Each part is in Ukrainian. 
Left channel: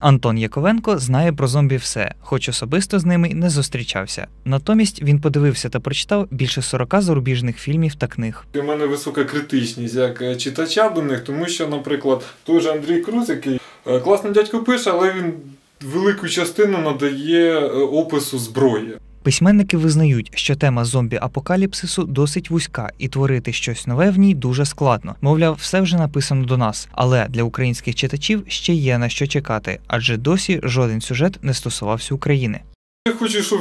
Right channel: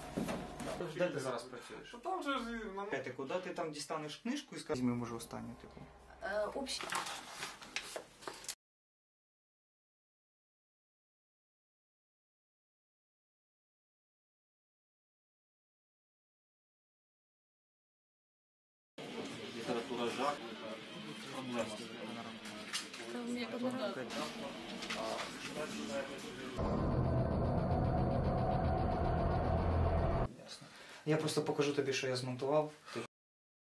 Антон Яковенко знає про зомбі все, хоч особисто з ними не зустрічався. Натомість він подивився та прочитав більше 40 зарубіжних фільмів та книг. У мене висока критичність як е, читача до них, тому що, наприклад, той же Андрій Круз, який класний класно дядько пише, але він велику частину надає е, опису зброї. Письменники визнають, що тема зомбі-апокаліпсису досить вузька, і творити щось нове в ній дуже складно. Мовляв, все вже написано до нас, але для українських читачів ще є на що чекати, адже досі жоден сюжет не стосувався України. Я хочу, щоб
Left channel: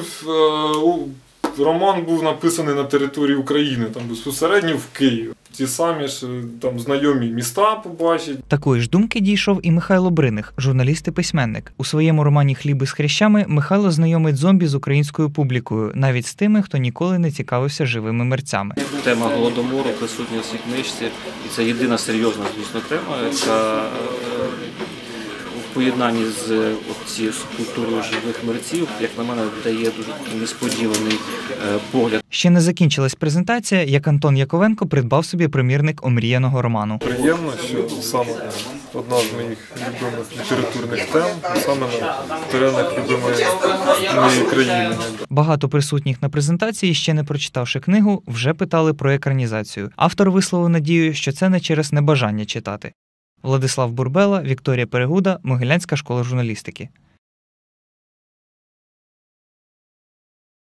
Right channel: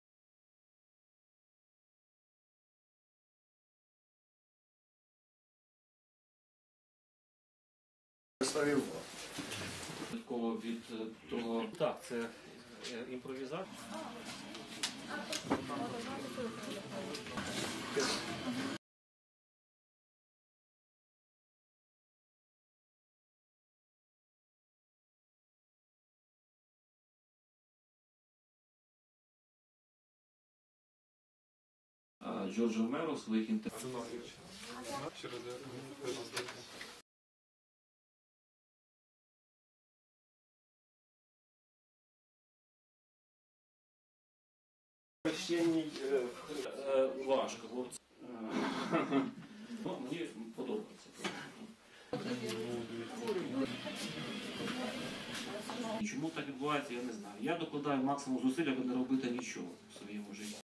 е, роман був написаний на території України, там безпосередньо в Києві. Ті самі ж е, там знайомі міста побачить. Такої ж думки дійшов і Михайло Бриних, журналіст і письменник. У своєму романі Хліби з хрящами Михайло знайомить зомбі з українською публікою, навіть з тими, хто ніколи не цікавився живими мерцями. Тема голодомору присутня в цій книжці, і це єдина серйозна, звісно, тема, яка е, поєднанні з цією культурою живих мерців, як на мене, дає дуже несподіваний е, погляд Ще не закінчилась презентація, як Антон Яковенко придбав собі примірник омріяного роману. Приємно, що саме одна з моїх любимих літературних тем, саме на теренах любимої моєї країни. Багато присутніх на презентації, ще не прочитавши книгу, вже питали про екранізацію. Автор висловив надію, що це не через небажання читати. Владислав Бурбела, Вікторія Перегуда, Могилянська школа журналістики. Я докладаю максимум зусиль, аби не робити нічого в своєму житті.